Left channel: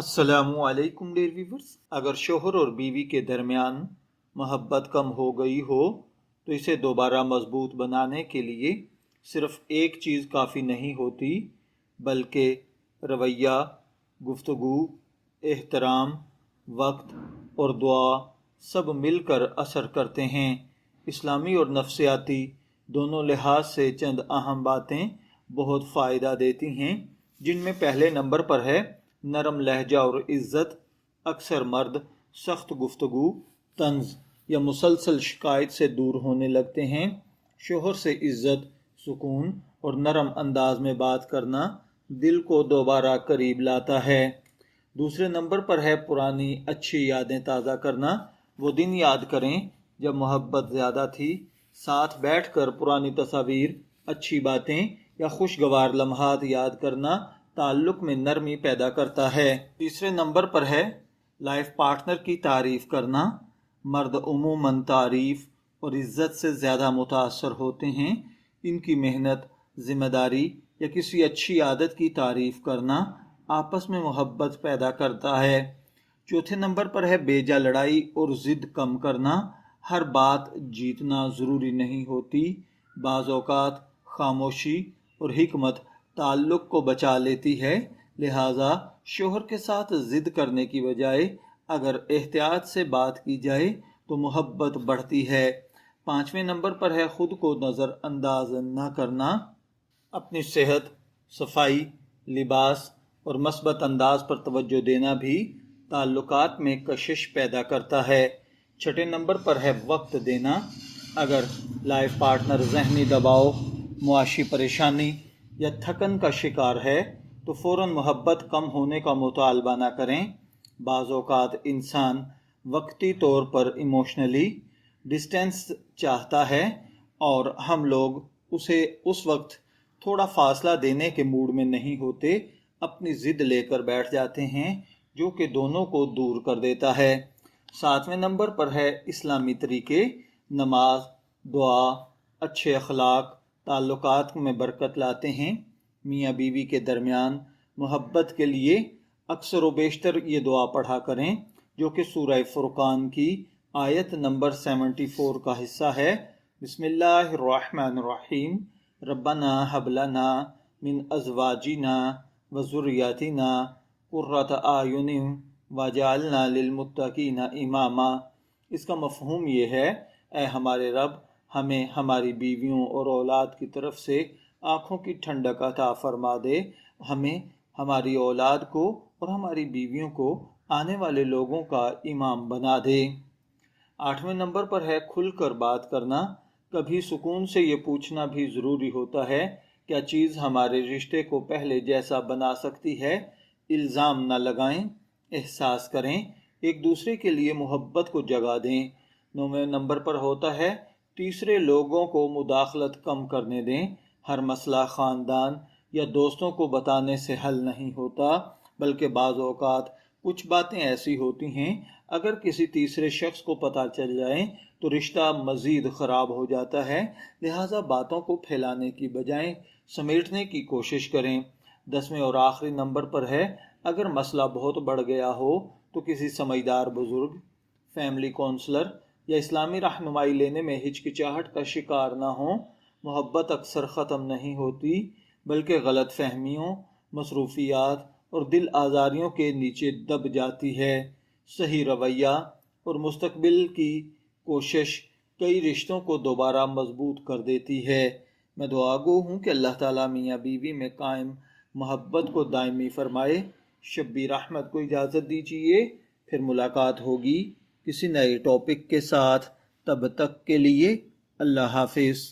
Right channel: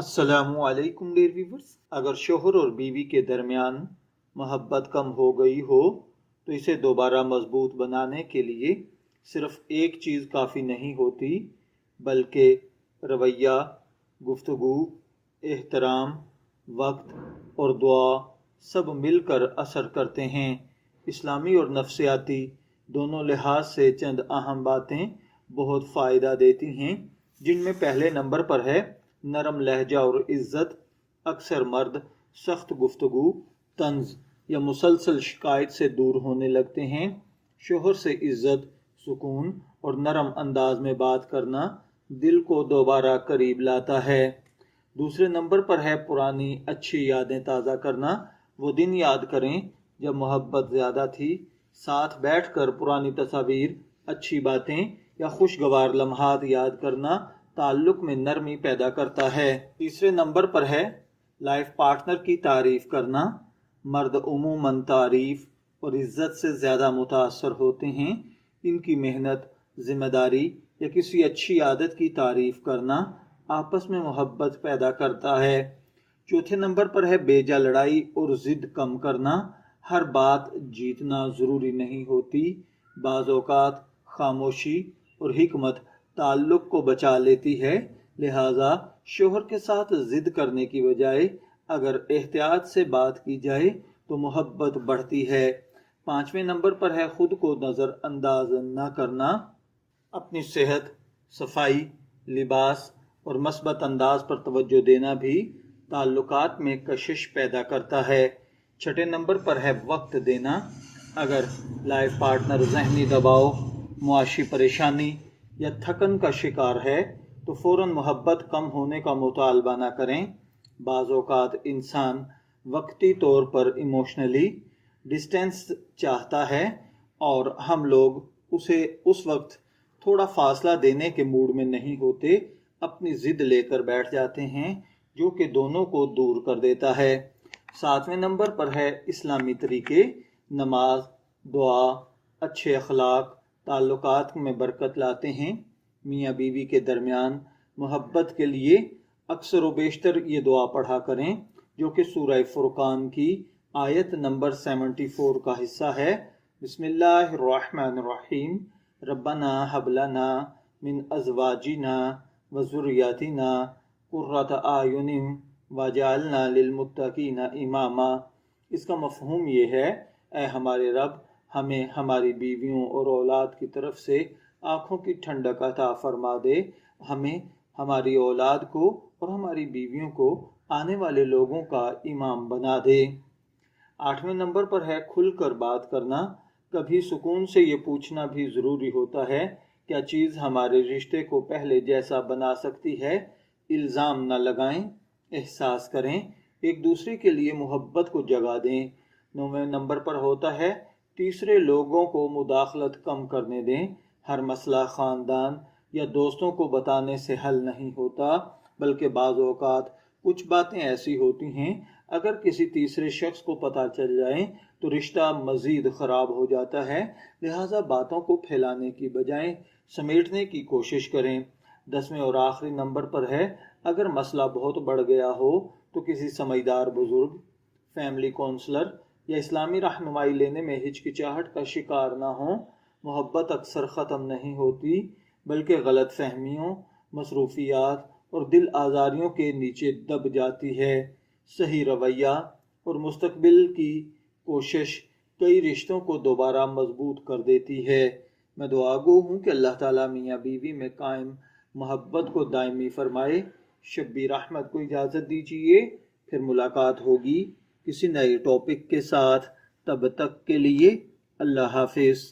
अस्सलामु अलैकुम dear viewers. अगर शोहर और बीवी के दरमियान मोहब्बत कम हो गई हो तो इसे दोबारा मजबूत बनाने के लिए सिर्फ एक चीज़ काफ़ी नहीं होती, बल्कि रवैया, गुफ्तगू, एहतराम, वक्त और दुआ सब मिलकर असर करते हैं। इस्लामी और नफ्सियाती दोनों लिहाज से चंद अहम बातें बहुत फ़ायदा देती हैं, जिनमें पहले नंबर पर है नरम लहजा और इज़्ज़त। अक्सर मर्द सख्त गुफ्तगू, तंज या मुसलसल शिकायत से दूर होने लगते हैं। शोहर से इज़्ज़त, सुकून और नरम अंदाज में बात करना दिल को दोबारा करीब लाता है। दूसरे नंबर पर है पुरानी अच्छी यादें ताज़ा करना। वो दिन याद करें जब मोहब्बत ज़्यादा थी। साथ बैठकर पुरानी तस्वीर, अच्छी बातें या खुशगवार लम्हात याद करना ताल्लुक़ में नरमी पैदा करता है। तीसरे नंबर पर है लाइफ पार्टनर की तारीफ़ करना। मर्द उमूमन तारीफ़ और इज़्ज़त से ज़्यादा मुतासर होते हैं। इनकी मेहनत, ज़िम्मेदारी या किसी अच्छी आदत की तारीफ़ करना आपस में मोहब्बत पैदा करता है। चौथे नंबर पर है बेजा लड़ाई और ज़िद कम करना। हर बात जीतना ज़रूरी नहीं होती। बाज़ औक़ात खामोशी और हिकमत ताल्लुक़ को बचा लेती है। लिहाजा शोहर के साथ ज़िद करने की बजाय अगर एहतियात से बात की जाए तो मोहब्बत बढ़ती है। पाँचवें नंबर पर है ख़ुद को नज़रअंदाज न करना। अपनी सेहत, सफाई, लिबास और मस्बत अंदाज पर तवज्जो देना भी ताल्लुकात में कशिश पैदा करता है। छठे नंबर पर है वक्त देना। अगर लाइफ पार्टनर ज़हनी दबाव, मुआशी परेशानी या थकन का शिकार है तो फ़ौरन मोहब्बत कम होने का मुतालबा न करें। बाज़ औक़ात इंसान वक्ती तौर पर इमोशनली डिस्टेंस चाहता है और हम लोग उसे उस वक्त थोड़ा फासला देने के मूड में नहीं होते, अपनी ज़िद लेकर बैठ जाते हैं, जो कि दोनों को दूर कर देता है। सातवें नंबर पर है इस्लामी तरीके। नमाज, दुआ, अच्छे अखलाक ताल्लुकात में बरकत लाते हैं। मियाँ बीवी के दरमियान मोहब्बत के लिए अक्सर व बेशतर ये दुआ पढ़ा करें, जो कि सूरह फुरकान की आयत नंबर 74 का हिस्सा है। बिस्मिल्लाहिर्रहमानिर्रहीम। रब्बना हबलना मिन अज़वाजिना व ज़ुर्रियतिना कुर्रत आयुनिन वजअलना लिलमुत्तकीना इमामा। इसका मफ़हूम ये है, ऐ हमारे रब, हमें हमारी बीवियों और औलाद की तरफ से आँखों की ठंडक अता फरमा दे। हमें, हमारी औलाद को और हमारी बीवियों को आने वाले लोगों का इमाम बना दे। आठवें नंबर पर है खुलकर बात करना। कभी सुकून से ये पूछना भी ज़रूरी होता है, क्या चीज़ हमारे रिश्ते को पहले जैसा बना सकती है। इल्ज़ाम न लगाएं, एहसास करें, एक दूसरे के लिए मोहब्बत को जगा दें। नौवें नंबर पर होता है तीसरे लोगों को मुदाखलत कम करने दें। हर मसला ख़ानदान या दोस्तों को बताने से हल नहीं होता, बल्कि बाज़ औक़ात कुछ बातें ऐसी होती हैं, अगर किसी तीसरे शख्स को पता चल जाए तो रिश्ता मज़ीद ख़राब हो जाता है। लिहाजा बातों को फैलाने की बजाय समेटने की कोशिश करें। 10वें और आखिरी नंबर पर है अगर मसला बहुत बढ़ गया हो तो किसी समझदार बुज़ुर्ग, फैमिली काउंसलर या इस्लामी रहनुमाई लेने में हिचकिचाहट का शिकार ना हो। मोहब्बत अक्सर ख़त्म नहीं होती, बल्कि गलत फहमियों, मसरूफियात और दिल आज़ारियों के नीचे दब जाती है। सही रवैया और मुस्तकबिल की कोशिश कई रिश्तों को दोबारा मजबूत कर देती है। मैं दुआगो हूँ कि अल्लाह ताला मियाँ बीवी में कायम मोहब्बत को दायमी फरमाए। शब्बीर अहमद को इजाज़त दीजिए, फिर मुलाकात होगी किसी नए टॉपिक के साथ। तब तक के लिए अल्लाह हाफिज़।